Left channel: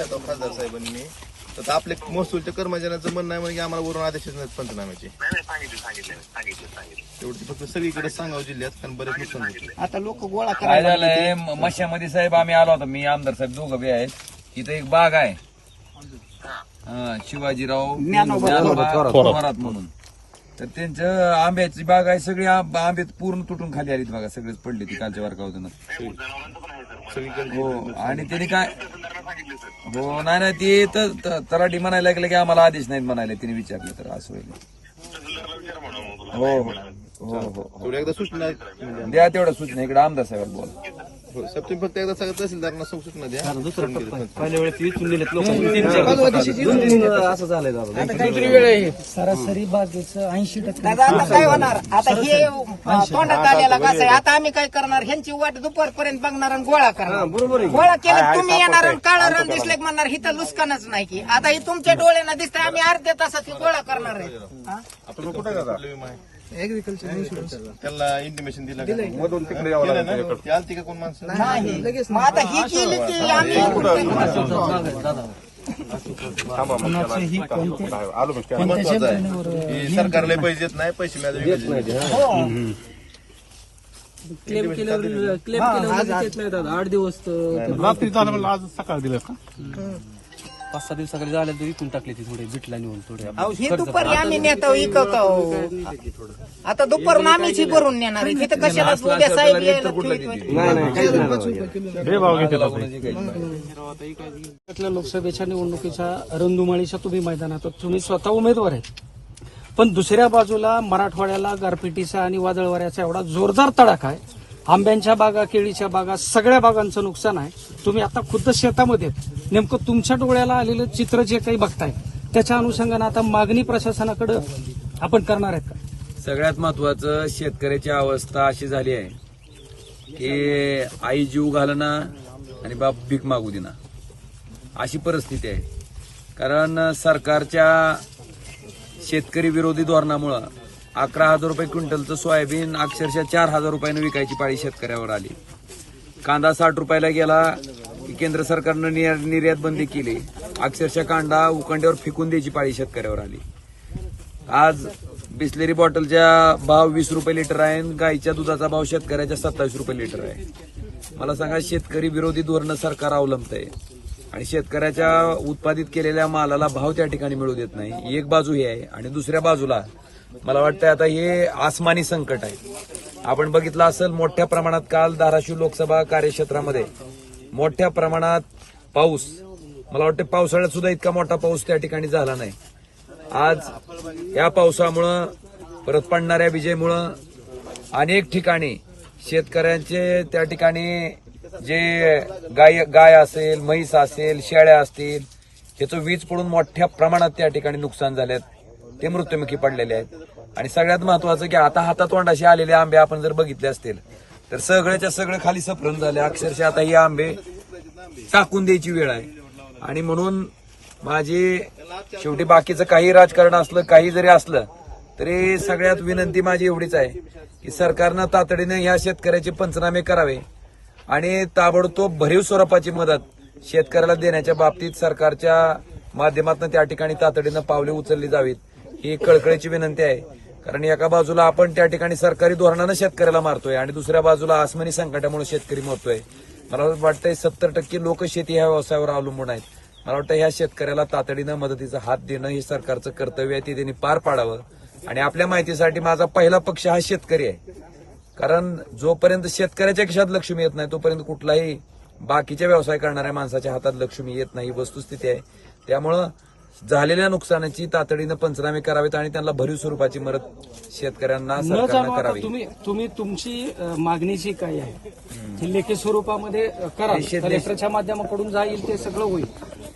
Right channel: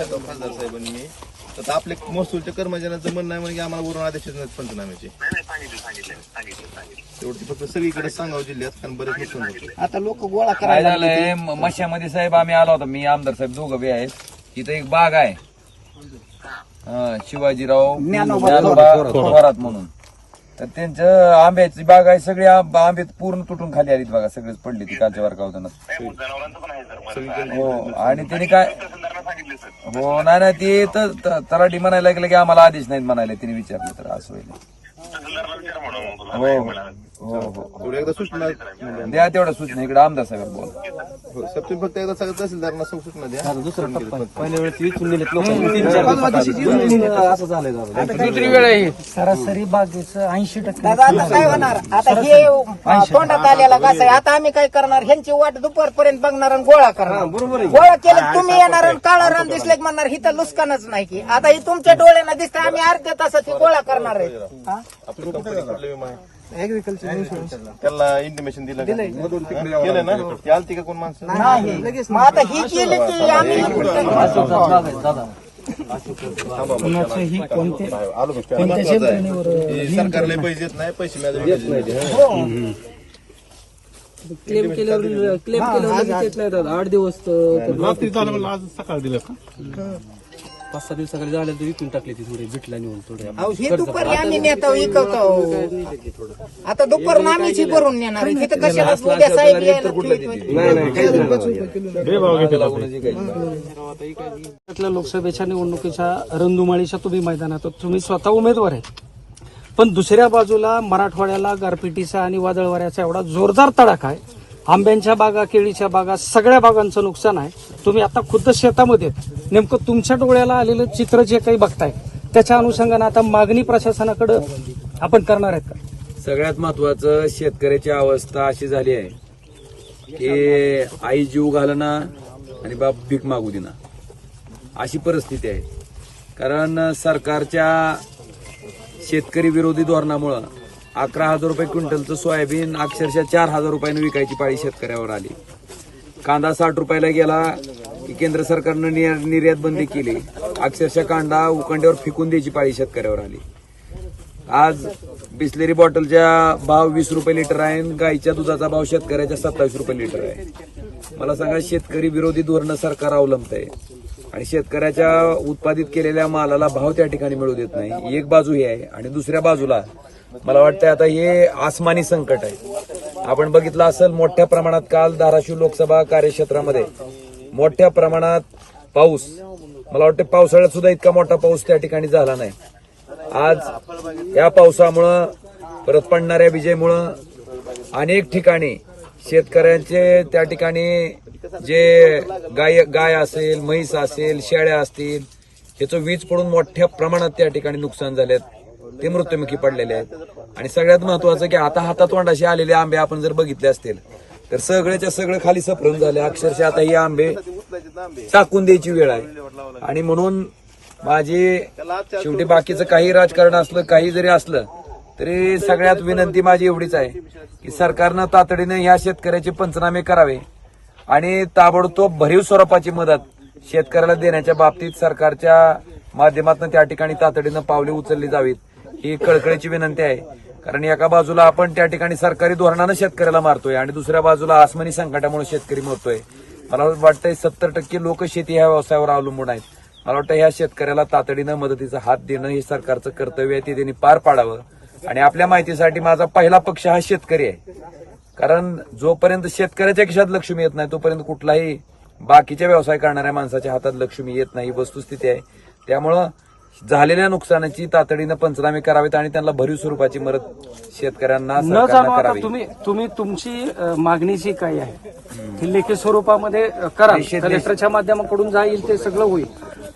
त्याचा खासदार साहेबांनी तर आपले महसूलच्या कर्मचाऱ्यांचं म्हणणं आहे म्हणजे आम्हाला वरून आदेश नाहीत पंचनाम्याचे. नाही नाही सांगितलं सांगितलं सांगितलं सांगितलं. तेवढं फक्त सगळीकडे सांगावं जिल्ह्यात कारण बरेच नुकसान होते आता लोक गोळा काय करायला झालंय? म- मशामध्ये साहेब आम्ही आलो होतो. मी आमदार साहेब दोघं बी आहेत. इथं एक बाग आहे. हा, शिवाजीराव ज्ञानोबा ज्ञानोबा थोरात. म्हणून. तर त्यांचं आंब्याची बाग आहे. सगळी आंब- आंबे पूर्ण तुटून खाली आलीत बघा. सगळेच पडले ती कालच्या नाही सगळीकडे हो. आणि त्यांनी काय सांगितलं सर. हो नाही नाही ते तर त- तलाठी म्हणायला लागले की आम्हाला आदेश नाहीत म्हणाले तिने विचारलं तर असं होईल. तुला हो हो. हो. तेवढं एकदा सूचना म्हणजे द्या तेवढ्या सूचना इकडे आमदार साहेब बोल. हो, साहेब तुम्ही फक्त एकदा सगळं तहसीलदारांना सूचना द्या. सरासरी बागेचं ऐंशी टक्के. दादा आता काय होणार? आता हे अं, तोंडात आलेला कसं आहे? आता आम्ही काय करणार? ह्यांची वाट दुपारपर्यंत बघणार आणि गोळा करणार. बरोबर गोळा केलं तुम्ही येणार आणि काळा रंग दिसले की म्हणणार हिथं लुस्कानच नाही की. आता ही तुमच्या डोळ्यांना दिसत आम्ही अर्ध्या तासात ही गोळा करणार आहे. हा? आपलं कुठे कुठले विमा आहे त्याला इंटिमेशन दिलं का? केलं ना? ते आलती का कोण माणसं? नाही मग आता ही केली की आम्ही कुणाचं कोणते? कोणत्या महत्वाचं यंत्रणेवर आहे हे सरकारला पैसे देत नाही पैसे मिळाले क्लेम केल्यावर क्लेम केल्यावर लगेच येत नाही दादा. आठ दिवस तर रात्री झालं म्हणलं आज सकाळ दिलं का? पाच सहा दिवसाकडे झाले तर विकून टाकले ती थोडे भेटला नेऊन थोडे. अहो, ही दुपारी आम्ही नेतो इकवतो. आता दुपारून आम्हीच ही भरून नेणार आहे. तिथं कशाला उद्या साहेब यायला बेभाव घेतला त्यातल्या लोकसभेच्या निवडणुकीच्या रणधुमाळीच्या तुम्ही मैदानात. तुम्ही स्वतः उमेदवार आहेत. पण दुसऱ्या बाजूला मराठवाड्याला गारपिटीचा आणि वादळवाऱ्याचा एवढा जोरदार तडाखा आहे. आंब्यांच्या बागा केळीच्या बागा सगळ्या बागांचं नुकसान आहे. तुम्ही आता खुद्द शेतामध्ये आहेत. नेमकं तुमच्या डोळ्याला आलेलं चित्र जे काही बघताय त्याच्या अनुषंगानं आता मागणी प्रशासनाकडे आपण करणार आहेत का? सगळ्यात महत्वाचं शेतकऱ्याची अवस्था अशी झाली आहे की आई जीव घालना आणि बाप भीक मागू देना अशी परिस्थिती आहे. कारण सरकारच्या शेतकरी विरोधी धोरणामुळं अकरा हजार रुपये क्विंटलचं सोयाबीन अक्षरशः चार हजार रुपयानं विकायची पाळी शेतकऱ्यावर आली. कांदा साठ रुपयाला गेला की केंद्र सरकारनं निर्यात बंदी केली. अक्षरशः कांदा उकंड्यावर फेकून द्यायची पाळी शेतकऱ्यावर आली. आज बिस्लेरी बॉटलच्या भाव वीस रुपये लिटर आहे आणि गाईच्या दुधाचा भाव शेतकऱ्याच्या सत्तावीस रुपये लिटर आहे. मला सांगा शेतकरी विरोधी धोरणं सरकार अवलंबत आहे आणि शेतकऱ्याच्या उत्पादित केलेल्या मालाला भाव त्या ठिकाणी मिळू देत नाही. एक बाजू ही आहे आणि दुसऱ्या बाजूला मला वाटतं आता हे आसमानी संकट आहे. आपण बघितलं असेल मोठ्या प्रमाणात काल धाराशिव लोकसभा कार्यक्षेत्रामध्ये मोठ्या प्रमाणात पाऊस. मला वाटतं पावसाळ्यात सुद्धा इतका मोठा पाऊस त्या ठिकाणी झाला नाही. आज या पावसामुळं परत पडणाऱ्या विजेमुळं अनेक ठिकाणी शेतकऱ्यांचे त्या ठिकाणी जे गाय गाय असेल म्हैस असेल शेळ्या असतील ह्याचं वीज पडून मोठ्या प्रमाणात त्या ठिकाणी नुकसान झालेत ते मृत्युमुखी पडलेले आहेत. आणि सगळ्यात महत्वाचं की आता हातातोंडाशी आलेले आंबे आपण जर बघितले असतील तर सगळ्याच्या सगळे खाली सफरून झाले. अक्षरशः आता ही आंबे टाकून द्यायची वेळ आहे. आणि म्हणून माझी शेवटी बाकीचं काही राजकारण असलं काही जरी असलं तरी सगळ्यात विनंती माझी एवढीच आहे की सरकारनं तातडीनं ह्या शेतकऱ्याचे पंचनामे करावे. आणि ताबडतोब भरीव स्वरूपाची मदत शेतकऱ्याला देण्याच्या बाबतीत सरकारच्या माध्यमातून त्या ठिकाणी तातडीनं पावले उचलली जावीत ही कळकळीची विनंती आहे. कारण एका बाजूला आपण त्या ठिकाणी सरकारी धोरणानं शेतकऱ्याला मारतोय आणि दुसऱ्या बाजूला आसमानी संकटामुळे शेतकरी मरतोय. मला वाटतंय सत्तर टक्के लोक शेती ह्या व्यवसायावर अवलंबून आहेत. मला वाटतं ह्या शेतकऱ्याला तातडीनं मदतीचा हात देणं हे सरकारचं कर्तव्य आहे ते त्यांनी पार पाडावं. आणि आपल्या माहितीसाठी माझा पहिला पक्ष हा शेतकरी आहे. कारण जोपर्यंत शेतकऱ्याच्या खिशात लक्ष्मी येत नाही तोपर्यंत कुठलाही बाकीच्या व्यवसाय करणाऱ्या माणसाच्या हातात लक्ष्मी येत नाही ही वस्तुस्थिती आहे. त्यामुळं झालेल्या नुकसानाची तातडीनं पंचनामे करावेत आणि त्यांना भरीव स्वरूपाची मदत शेतकऱ्यांना न सरकारनं जाणू आता करावी. तुम्ही तुम्ही तुमची अ, मागणी जी काही आहे ती लेखी स्वरूपामध्ये अ, करा. कलेक्टरच्या माध्यमाकडून जाईल ते सगळं होईल.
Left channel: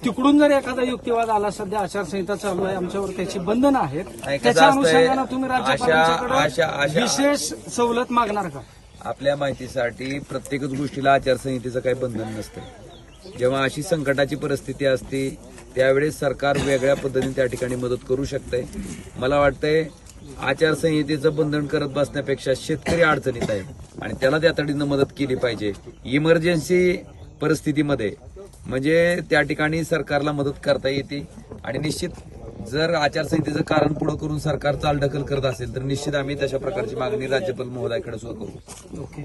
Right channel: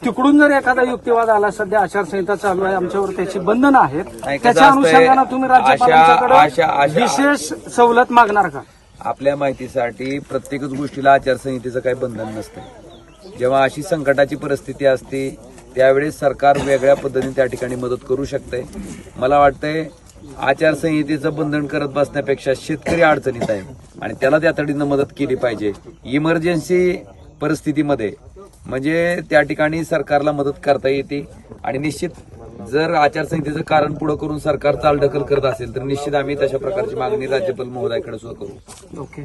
तिकडून जर एखादा युक्तिवाद आला सध्या आचारसंहिता चालू आहे आमच्यावर त्याची बंधनं आहेत त्याच्या अनुषंगानं तुम्ही राज्यपालांच्याकडे विशेष सवलत मागणार का? आपल्या माहितीसाठी प्रत्येकच गोष्टीला आचारसंहितेचं काही बंधन नसतं जेव्हा अशी संकटाची परिस्थिती असते त्यावेळेस सरकार वेगळ्या पद्धतीने त्या ठिकाणी मदत करू शकते मला वाटतंय आचारसंहितेचं बंधन करत बसण्यापेक्षा शेतकरी अडचणीत आहे आणि त्याला त्या तडीनं मदत केली पाहिजे. इमर्जन्सी परिस्थितीमध्ये म्हणजे त्या ठिकाणी सरकारला मदत करता येते. आणि निश्चित जर आचारसंहितेचं कारण पुढे करून सरकार चालढकल करत असेल तर निश्चित आम्ही तशा प्रकारची मागणी राज्यपाल महोदयाकडे सुद्धा करू. ओके.